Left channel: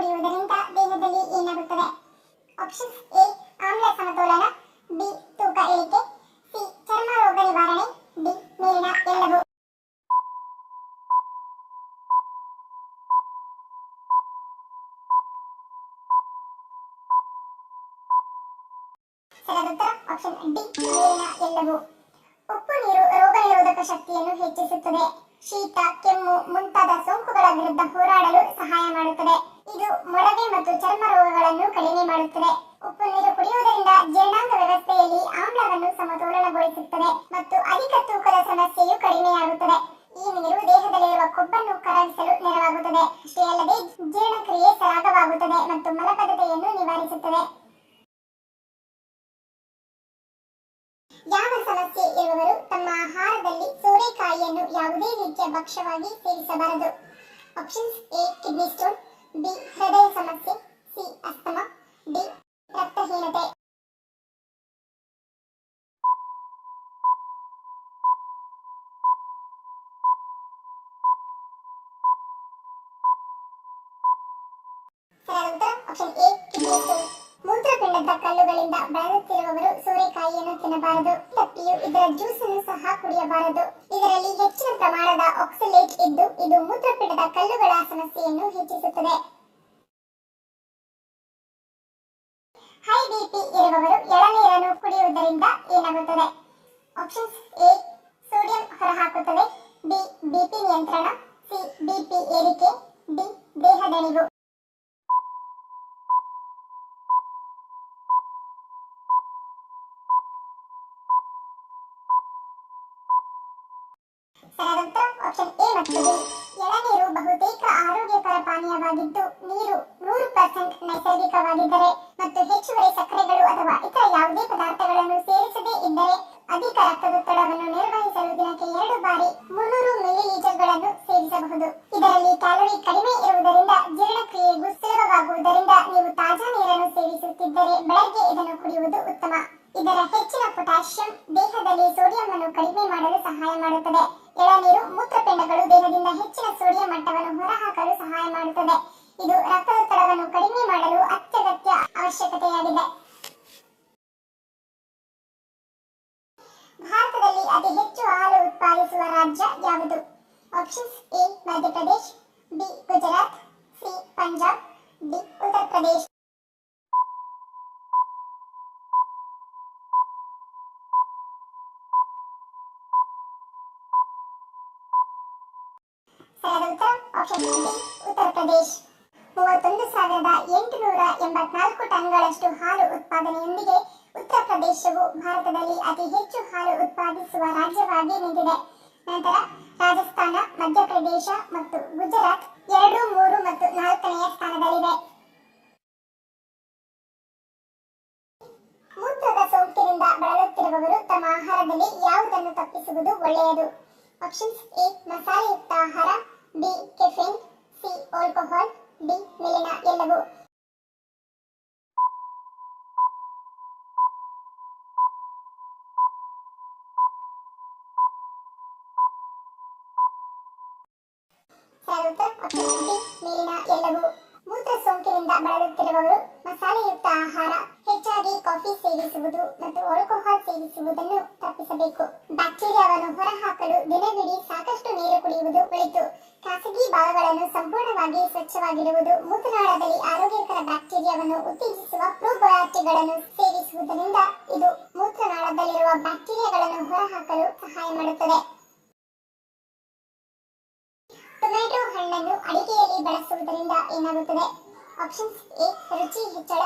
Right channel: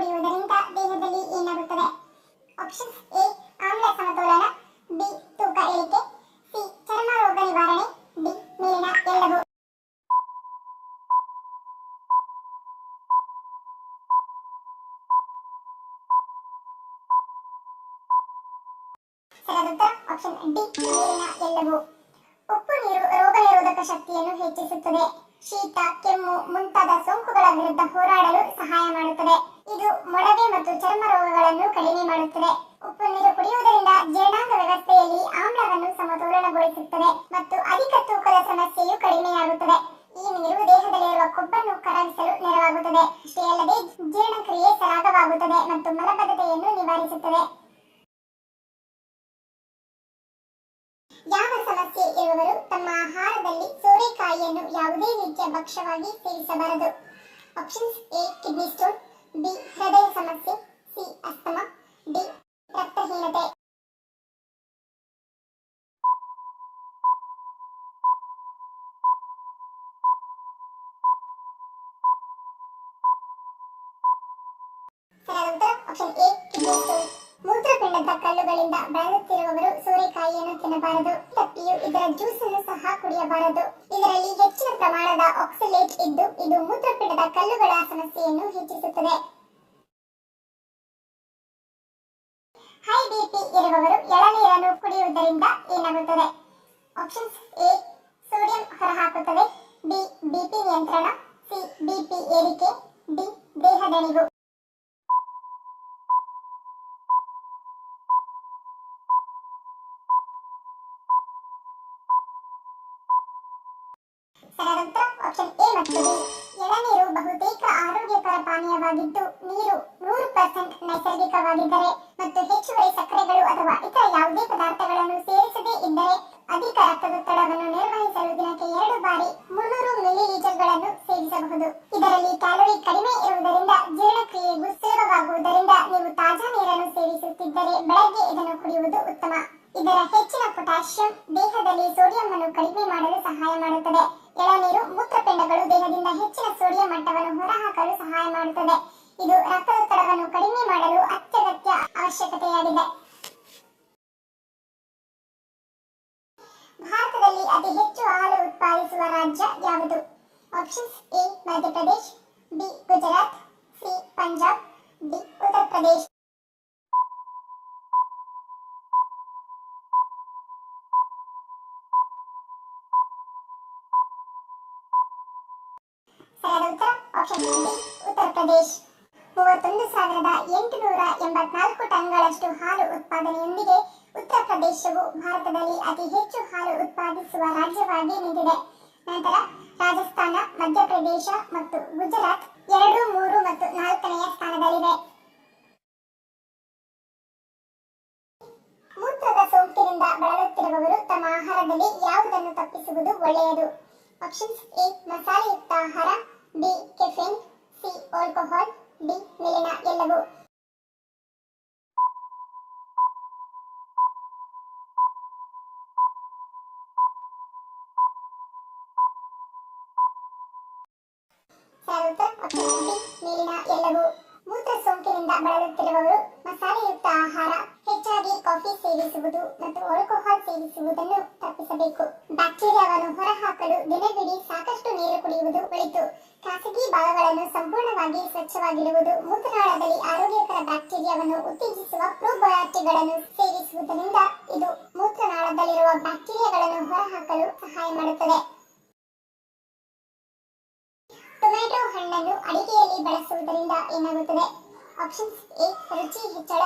ಕುಡಿಯುವುದರಿಂದ ದೇಹದಲ್ಲಿ ಏನಾಗುತ್ತದೆ? ಆಪ್ಷನ್ಸ್ ಎ ಆಮ್ಲ ಸಮತೋಲನ, ಬಿ ತೂಕ ಇಳಿಕೆ, ಸಿ ಚರ್ಮ ರೋಗ ನಿವಾರಣೆ, ಡಿ ಮೇಲಿನ ಎಲ್ಲವೂ. ಸರಿಯಾದ ಉತ್ತರ ಆಪ್ಷನ್ ಡಿ ಮೇಲಿನ ಎಲ್ಲವೂ. ಉಪ್ಪು ನೀರು ರೋಗ ನಿರೋಧಕ ಶಕ್ತಿಯನ್ನು ಹೆಚ್ಚಿಸುತ್ತದೆ. ಶೀತ, ಕೆಮ್ಮು ಮುಂತಾದ ಸೋಂಕುಗಳ ವಿರುದ್ಧ ಹೋರಾಡಲು ಸಹಾಯ ಮಾಡುತ್ತದೆ. ಇದು ಮೊಡವೆ ಮತ್ತು ಚರ್ಮ ರೋಗಗಳನ್ನು ಕಡಿಮೆ ಮಾಡುತ್ತದೆ. ಉಪ್ಪು ನೀರು ಕುಡಿಯುವುದರಿಂದ ಜೀರ್ಣಾಂಗ ವ್ಯವಸ್ಥೆಯಲ್ಲಿ ಆಮ್ಲವನ್ನು ಸಮತೋಲನಗೊಳಿಸುತ್ತದೆ ಮತ್ತು ಅಧಿಕ ತೂಕದ ಸಮಸ್ಯೆಯು ಕಡಿಮೆಯಾಗುತ್ತದೆ. ಈ ನೀರು ದೇಹದಲ್ಲಿರುವ ಕೊಬ್ಬನ್ನು ಕರಗಿಸಲು ನೆರವಾಗುತ್ತದೆ. ಅಷ್ಟೇ ಅಲ್ಲದೆ ಜೀರ್ಣಕ್ರಿಯೆ ಸರಾಗವಾಗುತ್ತದೆ ಮತ್ತು ಮಲಬದ್ಧತೆಯನ್ನು ನಿವಾರಿಸುತ್ತದೆ. ಯಾವ ಸಮಸ್ಯೆ ಇರುವವರು ತಮ್ಮ ಆಹಾರದಲ್ಲಿ ಸೋರೆಕಾಯಿಯನ್ನು ಯಾವುದೇ ರೀತಿಯ ಭಕ್ಷ್ಯವಾಗಿ ಸೇವಿಸಬಾರದು? Options A kidney stone, B ಹೃದಯ ಸಮಸ್ಯೆ, ಸಿ ಅಸ್ತಮಾ, ಡಿ ರಕ್ತಹೀನತೆ. ಸರಿಯಾದ ಉತ್ತರ ಆಪ್ಷನ್ ಎ ಕಿಡ್ನಿ ಸ್ಟೋನ್. ಮೂತ್ರಪಿಂಡದ ಕಲ್ಲುಗಳಿಂದ ಬಳಲುತ್ತಿರುವವರು ಸೋರೆಕಾಯಿಯನ್ನು ತಿನ್ನಬಾರದು. ತಪ್ಪಿಯು ಇದರ ಜ್ಯೂಸ್ ಅನ್ನು ಸಹ ಕುಡಿಯಬಾರದು. ಇದರಲ್ಲಿ ಹೆಚ್ಚಿನ ಪ್ರಮಾಣದ ಆಕ್ಸಲೇಟ್ ಇದ್ದು ಇದು ಮೂತ್ರಪಿಂಡದ ಕಲ್ಲುಗಳ ಸಮಸ್ಯೆಯನ್ನು ಹೆಚ್ಚಿಸುತ್ತದೆ. ಹೈ ಬಿಪಿ ಇರುವವರು ಎಳನೀರನ್ನು ಕುಡಿಯುವುದರಿಂದ ಏನಾಗುತ್ತದೆ? ಆಪ್ಷನ್ಸ್ ಎ ಸೋಡಿಯಂ ಹೊರಹಾಕುತ್ತದೆ, ಬಿ ಬಿಪಿ ನಿಯಂತ್ರಣ, ಸಿ ಬಿಪಿ ಏರಿಕೆ, ಡಿ ದೇಹದಣಿವು. ಸರಿಯಾದ ಉತ್ತರ ಆಪ್ಷನ್ ಎ ಮತ್ತು ಡಿ. ಎಳನೀರು ಬಹುತೇಕ ಆರೋಗ್ಯಕರ ಪಾನೀಯವಾಗಿದ್ದು ನೀರು 100% ನೈಸರ್ಗಿಕವಾಗಿದ್ದರೆ ಮತ್ತು ಹೆಚ್ಚುವರಿ ಸಕ್ಕರೆಗಳು ಅಥವಾ ಇತರ ಯಾವುದೇ ಪದಾರ್ಥಗಳನ್ನು ಸೇರಿಸದೇ ಇದ್ದರೆ ಅಧಿಕ ರಕ್ತದೊತ್ತಡವನ್ನು ನಿರ್ವಹಿಸಲು ದಿನಕ್ಕೆ 2 ಬಾರಿ 300 ಮಿಲಿಲೀಟರ್ಗಳನ್ನು ಸೇವಿಸಬಹುದು. ಇದರಲ್ಲಿ ಕ್ಯಾಲೋರಿ ಕಡಿಮೆ ಇರುವುದರಿಂದ ಜೀರ್ಣಕ್ರಿಯೆಗೂ ಸುಲಭವಾಗುವುದರಿಂದ ನೀವು ತಾಜಾ ನೀರನ್ನು ಸೇವಿಸುತ್ತಿದ್ದರೆ ಬೆಳಗ್ಗೆ ಇದನ್ನು ಕುಡಿಯುವುದು ಉತ್ತಮ. ಇದರ ಹೆಚ್ಚಿನ ಪೊಟ್ಯಾಷಿಯಂ ದೇಹದಲ್ಲಿ ಸೋಡಿಯಂ ಅನ್ನು ಕಡಿಮೆ ಮಾಡಲು ಸಹಾಯ ಮಾಡುತ್ತದೆ. ಎಳನೀರು ಮೂತ್ರಪಿಂಡಗಳು ದೇಹದಿಂದ ಹೆಚ್ಚಿನ ಸೋಡಿಯಂ ಮಟ್ಟವನ್ನು ಹೊರಹಾಕಲು ಸಹಾಯ ಮಾಡುತ್ತದೆ. ಇದು ರಕ್ತದೊತ್ತಡವನ್ನು ಕಡಿಮೆ ಮಾಡಲು ಅತ್ಯಗತ್ಯ ಅವಶ್ಯಕತೆಯಾಗಿದೆ. ಭಾರತದಲ್ಲಿ ಅತಿ ಹೆಚ್ಚು ಹಾಲು ಉತ್ಪಾದಿಸುವ ರಾಜ್ಯ ಯಾವುದು? Options A Madhya Pradesh, B Gujarat, C Punjab, D Uttar Pradesh. ಸರಿಯಾದ ಉತ್ತರ ಆಪ್ಷನ್ ಡಿ ಉತ್ತರ ಪ್ರದೇಶ್. 31,884 ಟನ್ಗಳಷ್ಟು ಹಾಲು ಉತ್ಪಾದನೆಯೊಂದಿಗೆ ಉತ್ತರ ಪ್ರದೇಶವು ಭಾರತದಲ್ಲಿ ಅತಿ ಹೆಚ್ಚು ಹಾಲು ಉತ್ಪಾದಿಸುವ ರಾಜ್ಯವಾಗಿ ನಿಂತಿದೆ. ನಂತರ ರಾಜಸ್ಥಾನ, ಮಧ್ಯಪ್ರದೇಶ ಮತ್ತು ಗುಜರಾತ್ 2, 3 ಮತ್ತು 4ನೇ ಸ್ಥಾನದಲ್ಲಿವೆ. ಮೂತ್ರದ ಸೋಂಕಿನಿಂದ ಬಳಲುತ್ತಿರುವವರು ತಮ್ಮ ಆಹಾರದಲ್ಲಿ ಯಾವುದನ್ನು ತಪ್ಪಿಸುವುದು ಒಳ್ಳೆಯದು? ಆಪ್ಷನ್ಸ್ ಎ ಮಸಾಲೆಯುಕ್ತ ಆಹಾರ, B caffeine, C alcohol, D ಮೇಲಿನ ಎಲ್ಲವೂ. ಸರಿಯಾದ ಉತ್ತರ ಆಪ್ಷನ್ ಡಿ ಮೇಲಿನ ಎಲ್ಲವೂ. ಮೂತ್ರ ಸೋಂಕಿನಿಂದ ಬಳಲುತ್ತಿರುವವರು ಮಸಾಲೆಯುಕ್ತ ಆಹಾರ, ಹೆಚ್ಚಾಗಿ ಕಾಫಿ ಸೇವಿಸುವುದು ಮತ್ತು ಆಲ್ಕೋಹಾಲ್ ಸೇವಿಸುವುದನ್ನು ತಪ್ಪಿಸಬೇಕು. ಬ್ಯಾಕ್ಟೀರಿಯಾವನ್ನು ಹೊರಹಾಕಲು ದಿನವಿಡೀ ಸಾಕಷ್ಟು ನೀರು ಕುಡಿಯುವುದು ಒಳಿತು. ಖಾಸಗಿ ಭಾಗಗಳನ್ನು ಸಂಪೂರ್ಣವಾಗಿ ಸ್ವಚ್ಛವಾಗಿಡುವುದು, ಮೂತ್ರನಾಳದಲ್ಲಿ ಆರೋಗ್ಯಕರ ಬ್ಯಾಕ್ಟೀರಿಯಾವನ್ನು ಉತ್ತೇಜಿಸುವ ಪ್ರೋಬಯಾಟಿಕ್ಗಳನ್ನು ಸೇವಿಸುವುದರಿಂದ ಇದು ಮೂತ್ರನಾಳದಲ್ಲಿರುವ ಬ್ಯಾಕ್ಟೀರಿಯಾಗಳನ್ನು ಹೊರಹಾಕಲು ಸಹಾಯ ಮಾಡುತ್ತದೆ. ಟೊಮ್ಯಾಟೊ ಹಣ್ಣನ್ನು ಅಡಿಗೆಯಲ್ಲಿ ಬಳಸುವುದರಿಂದ ಏನಾಗುತ್ತದೆ? ಆಪ್ಷನ್ಸ್ ಎ ರುಚಿ ಹೆಚ್ಚಳ,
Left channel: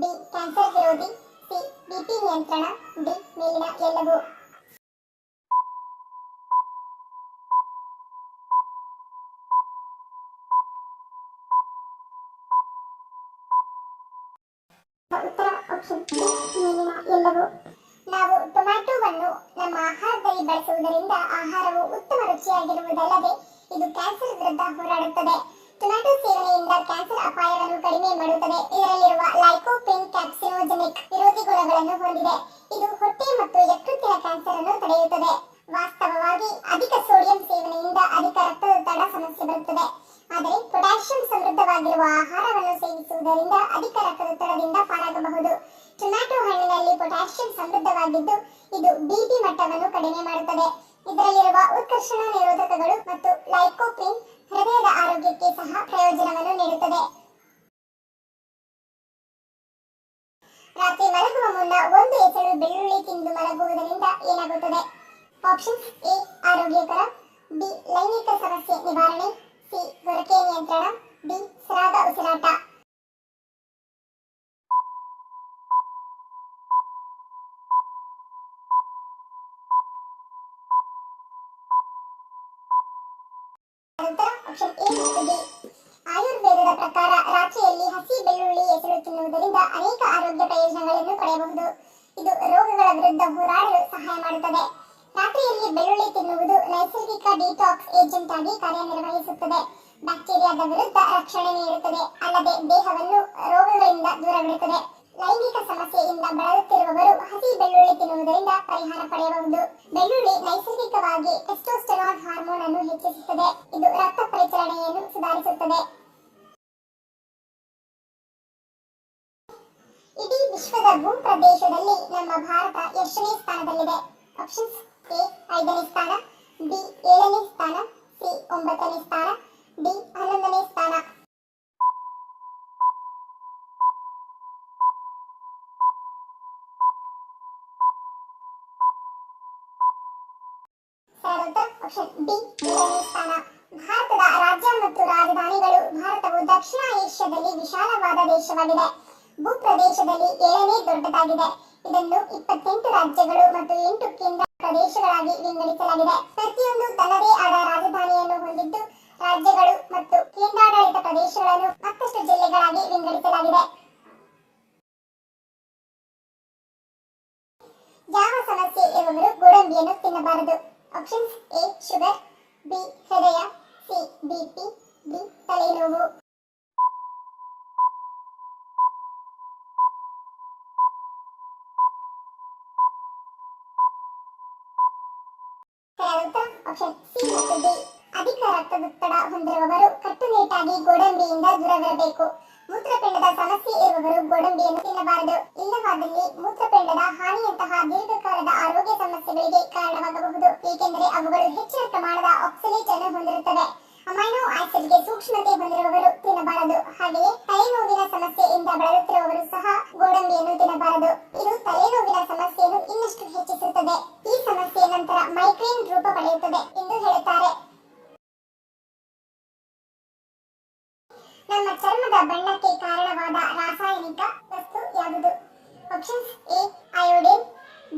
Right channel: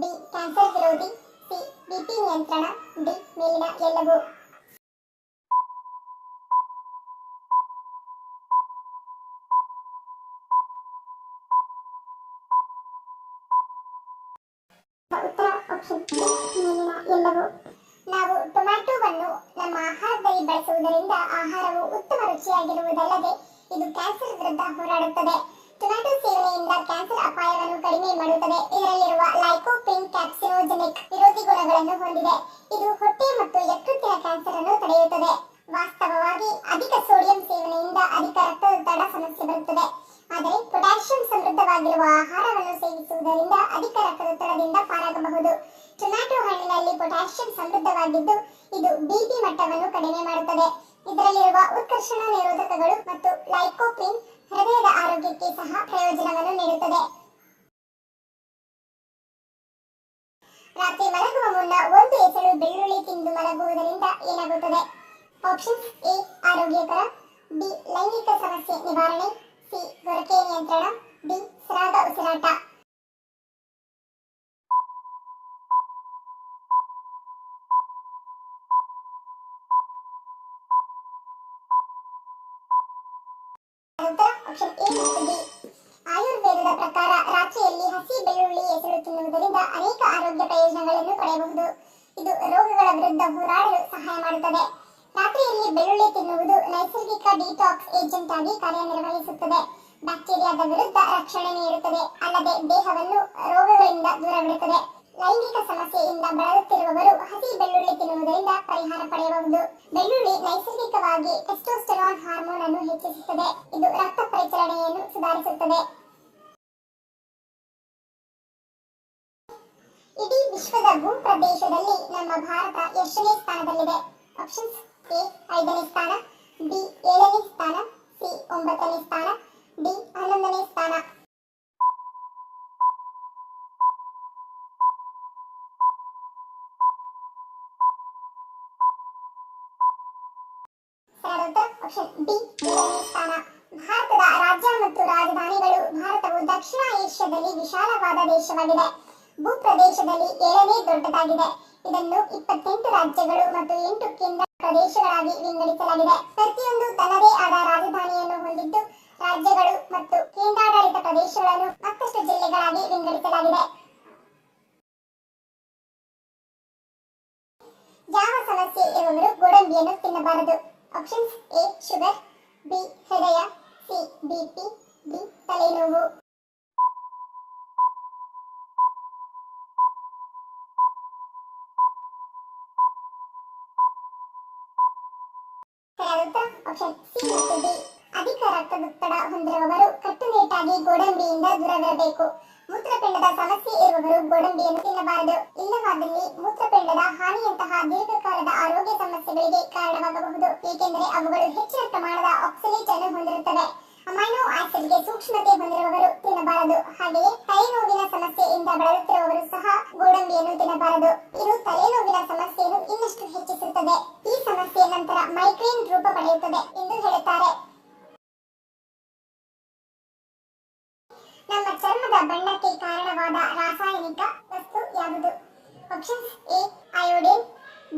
ಬಿ ಕ್ಯಾನ್ಸರ್ ವಿರೋಧಿ, ಸಿ ಬಿಪಿ ನಿಯಂತ್ರಣ, ಡಿ ಮೇಲಿನ ಎಲ್ಲವೂ. ಉತ್ತರ ಆಪ್ಷನ್ ಡಿ ಮೇಲಿನ ಎಲ್ಲವೂ. ನಾವು ಟೊಮ್ಯಾಟೊವನ್ನು ನಮ್ಮ ಆಹಾರದಲ್ಲಿ ಬಳಸುವುದರಿಂದ ಆಹಾರವು ಉತ್ತಮ ರುಚಿಯಾಗಿರುವುದಲ್ಲದೆ ಇದು ಕ್ಯಾನ್ಸರ್ ವಿರುದ್ಧ ಹೋರಾಡುತ್ತದೆ. ಟೊಮ್ಯಾಟೊ ಸೇವನೆಯಿಂದ ಕ್ಯಾನ್ಸರ್ ಅಪಾಯವನ್ನು ಕಡಿಮೆ ಮಾಡುತ್ತದೆ. ಇದರಲ್ಲಿರುವ ಲೈಕೋಪೇನ್ ಕ್ಯಾಪ್ಸಿನೋಜೆನಿಕ್ ವಿರೋಧಿ ಗುಣಗಳನ್ನು ಹೊಂದಿದೆ. ಇದು ಹೊಟ್ಟೆ ಮತ್ತು ಯಕೃತ್ತಿನ ಕ್ಯಾನ್ಸರ್ ಅನ್ನು ತಡೆಯುತ್ತದೆ. ವಾಸ್ತವವಾಗಿ ಅಧಿಕ ಸೋಡಿಯಂ ಸೇವನೆಯಿಂದ ಅಧಿಕ ರಕ್ತದೊತ್ತಡ ಸಮಸ್ಯೆ ಬರುತ್ತದೆ. ಆದರೆ ಪೊಟ್ಯಾಷಿಯಂ ಸಮೃದ್ಧವಾಗಿರುವ ಆಹಾರವನ್ನು ಸೇವಿಸುವುದರಿಂದ ಅಧಿಕ ರಕ್ತದೊತ್ತಡದಿಂದ ಪಾರಾಗಬಹುದು. ಟೊಮ್ಯಾಟೊ ಹಣ್ಣಿನಲ್ಲಿ ಪೊಟ್ಯಾಷಿಯಂ ಸಮೃದ್ಧವಾಗಿದ್ದು ಇದು ಬಿಪಿ ಮಟ್ಟವನ್ನು ಕಡಿಮೆ ಮಾಡುತ್ತದೆ. ಇದರಲ್ಲಿರುವ ಉತ್ಕರ್ಷಣ ನಿರೋಧಕಗಳು ಮತ್ತು ಲೈಕೋಪೀನ್ ಹೃದಯದ ಆರೋಗ್ಯಕ್ಕೆ ಸಹ ಪ್ರಯೋಜನವನ್ನು ನೀಡುತ್ತದೆ. ರಾತ್ರಿ ಮಲಗುವ ಮುನ್ನ ಒಂದು ಎಸಳು ಬೆಳ್ಳುಳ್ಳಿ ತಿಂದು ಮಲಗುವುದರಿಂದ ಏನಾಗುತ್ತದೆ? ಆಪ್ಷನ್ಸ್: ಎ ಆರೋಗ್ಯಕರ, ಬಿ ಲೈಂಗಿಕ ಸಮಸ್ಯೆ ನಿವಾರಣೆ, ಸಿ ಗೊರಕೆ ನಿಯಂತ್ರಣ, ಡಿ ಸರಾಗ ಉಸಿರಾಟ. ಆಪ್ಷನ್ ಎ ಮತ್ತು ಡಿ. ಆಯುರ್ವೇದದ ಪ್ರಕಾರ ರಾತ್ರಿಯಲ್ಲಿ ಹಸಿ ಬೆಳ್ಳುಳ್ಳಿ ಎಸಳು ತಿನ್ನುವುದರಿಂದ ಅನೇಕ ಆರೋಗ್ಯ ಪ್ರಯೋಜನಗಳನ್ನು ಪಡೆಯಬಹುದು. ಇದು ರೋಗಗಳ ವಿರುದ್ಧ ಹೋರಾಡಲು ಸಹಾಯ ಮಾಡುತ್ತದೆ. ರಾತ್ರಿಯಲ್ಲಿ ಬೆಳ್ಳುಳ್ಳಿ ತಿನ್ನುವುದು ನೈಸರ್ಗಿಕ ಡಿಟಾಕ್ಸ್ ಏಜೆಂಟ್ ಆಗಿ ಕಾರ್ಯನಿರ್ವಹಿಸುತ್ತದೆ. ಬ್ಯಾಕ್ಟೀರಿಯಾದ ವಿರುದ್ಧ ರಕ್ಷಣೆ ನೀಡುತ್ತದೆ, ಅಲ್ಲದೆ ದೇಹವನ್ನು ರೋಗಗಳಿಂದ ದೂರವಿಡುತ್ತದೆ. ಲೈಂಗಿಕ ಸಮಸ್ಯೆಯಿಂದ ಬಳಲುತ್ತಿರುವವರು ಹಸಿ ಬೆಳ್ಳುಳ್ಳಿ ತಿನ್ನುವುದರಿಂದ ಪರಿಹಾರ ಪಡೆಯಬಹುದು. ಬೆಳ್ಳುಳ್ಳಿ ನೈಸರ್ಗಿಕವಾಗಿ ಟೆಸ್ಟೋಸ್ಟೆರಾನ್ ಹಾರ್ಮೋನ್ ಅನ್ನು ಹೆಚ್ಚಿಸುತ್ತದೆ. ಇದು ರಕ್ತ ಪರಿಚಲನೆಯನ್ನು ಸುಧಾರಿಸುತ್ತದೆ. ಇಡೀ ವಿಶ್ವದ ಭೂಪ್ರದೇಶದಲ್ಲಿ ನಮ್ಮ ಭಾರತ ಎಷ್ಟನೇ ಸ್ಥಾನದಲ್ಲಿದೆ? ಆಪ್ಷನ್ಸ್: ಎ 5ನೇ ಸ್ಥಾನ, ಬಿ 7ನೇ ಸ್ಥಾನ, ಸಿ 9ನೇ ಸ್ಥಾನ, ಡಿ 11ನೇ ಸ್ಥಾನ. ಆಪ್ಷನ್ ಬಿ 7ನೇ ಸ್ಥಾನ. ಭಾರತದ ರಾಜ್ಯ ಮತ್ತು ರಾಜಧಾನಿಗಳು. ಭಾರತವು ದಕ್ಷಿಣ ಏಷ್ಯಾದಲ್ಲಿ ವಿಶಾಲವಾದ ದೇಶವಾಗಿದೆ. ಭೂಪ್ರದೇಶದಲ್ಲಿ 7ನೇ ದೊಡ್ಡದಾಗಿದೆ. ಇದನ್ನು 28 ರಾಜ್ಯಗಳು ಮತ್ತು 8 ಕೇಂದ್ರ ಪ್ರದೇಶಗಳಾಗಿ ವಿಂಗಡಿಸಲಾಗಿದೆ. ಪ್ರತಿಯೊಂದು ತನ್ನದೇ ಆದ ರಾಜಧಾನಿಯನ್ನು ಹೊಂದಿದ್ದು, ರಾಜ್ಯಗಳು ಮತ್ತು ಕೇಂದ್ರಾಡಳಿತ ಪ್ರದೇಶಗಳನ್ನು ಮತ್ತಷ್ಟು ಜಿಲ್ಲೆಗಳಾಗಿ ವಿಂಗಡಿಸಲಾಗಿದೆ. ಯಾವ ಸಮಸ್ಯೆ ಇರುವವರು ಗೋಡಂಬಿಯನ್ನು ತಿನ್ನಬಾರದು? ಆಪ್ಷನ್ಸ್: ಎ ಶುಗರ್, ಬಿ ಹೃದಯ, ಸಿ ಬಿಪಿ, ಡಿ ತಲೆನೋವು. ಆಪ್ಷನ್ ಸಿ ಮತ್ತು ಡಿ. ಅಧಿಕ ರಕ್ತದೊತ್ತಡ ಹೊಂದಿರುವವರು ಕಟ್ಟುನಿಟ್ಟಾಗಿ ಗೋಡಂಬಿಯಿಂದ ದೂರವಿರಬೇಕು. ಮೂತ್ರಪಿಂಡದ ಸಮಸ್ಯೆ ಇರುವವರು ಗೋಡಂಬಿಯನ್ನು ತಿನ್ನಬಾರದು. ಇಲ್ಲವಾದಲ್ಲಿ ಮೂತ್ರಪಿಂಡದ ಹಾನಿಯಂತಹ ದೀರ್ಘಕಾಲದ ಆರೋಗ್ಯ ಸಮಸ್ಯೆಗಳಿಗೆ ಕಾರಣವಾಗಬಹುದು, ಏಕೆಂದರೆ ಅವುಗಳು ಹೆಚ್ಚಿನ ಪ್ರಮಾಣದ ಆಕ್ಸಲೇಟ್ ಅನ್ನು ಹೊಂದಿರುತ್ತವೆ. ಅಮೈನೋ ಆಸಿಡ್ಗೆ ಸೂಕ್ಷ್ಮತೆ ಹೊಂದಿರುವವರು ತಿನ್ನಬಾರದು. ಹಾಗೆಯೇ ತಲೆನೋವಿನ ಸಮಸ್ಯೆಯಿಂದ ಬಳಲುತ್ತಿರುವವರು ಸಹ ಗೋಡಂಬಿಯನ್ನು ತಿನ್ನಬಾರದು. ಇದು ತಲೆನೋವಿನ ಸಮಸ್ಯೆಯನ್ನು ಇನ್ನಷ್ಟು ಹೆಚ್ಚಿಸುತ್ತದೆ. ಈ ಸಮಸ್ಯೆ ನಂತರ ಮೈಗ್ರೇನ್ ರೂಪ ಪಡೆಯುತ್ತದೆ ಎಂದು ಹೇಳುತ್ತಾರೆ. ನಮ್ಮ ಚರ್ಮದ ಬಣ್ಣಕ್ಕೆ ಕಾರಣವಾದ ರಾಸಾಯನಿಕ ವಸ್ತು ಯಾವುದು? Options: A iodine,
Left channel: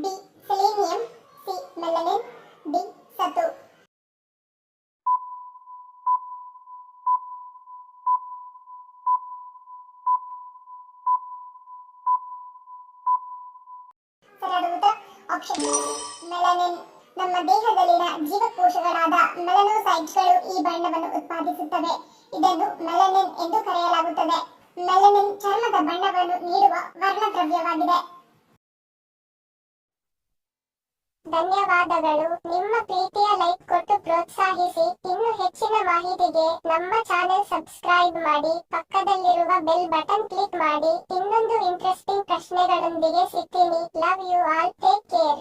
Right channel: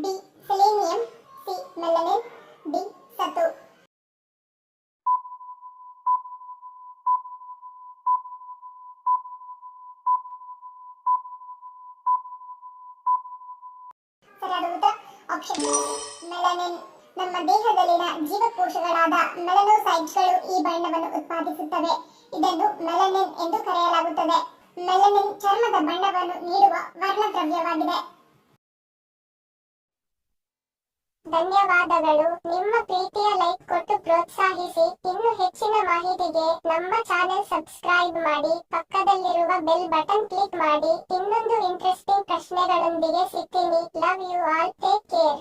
B selenium, C melanin, D ಸತು. ಸರಿಯಾದ ಉತ್ತರ ಆಪ್ಷನ್ ಮೆಲನಿನ್. ನಮ್ಮ ದೇಹದಲ್ಲಿನ ಜೀವಕೋಶಗಳಾದ ಮೆಲನೋಸೈಟ್ಗಳು ಈ ಬಣ್ಣವನ್ನು ಉತ್ಪಾದಿಸುತ್ತವೆ. ಇದನ್ನು ಮೆಲನಿನ್ ಎಂದು ಕರೆಯಲಾಗುತ್ತದೆ. ಮೆಲನಿನ್ ಚರ್ಮದ ಬಣ್ಣವನ್ನು ನೀಡುವ ವರ್ಣದ್ರವ್ಯವಾಗಿದೆ. ಧನ್ಯವಾದಗಳು. ನಿಮ್ಮ ಪ್ರೀತಿಯ ಲೈಕ್ ಕೊಟ್ಟು ಪ್ರೋತ್ಸಾಹಿಸಿ. ಇನ್ನು ಹೆಚ್ಚಿನ ಮಾಹಿತಿಗೆ ನಮ್ಮ ಚಾನೆಲ್ ಸಬ್ಸ್ಕ್ರೈಬ್ ಮಾಡಿ, ಪಕ್ಕದಲ್ಲಿರುವ ಬೆಲ್ ಬಟನ್ ಕ್ಲಿಕ್ ಮಾಡಿ. ಇನ್ನೊಂದು ಇಂಟ್ರೆಸ್ಟಿಂಗ್ ಪ್ರಶ್ನೆಗಳೊಂದಿಗೆ ಸಿಗ್ತೀನಿ. Love you all. Take care.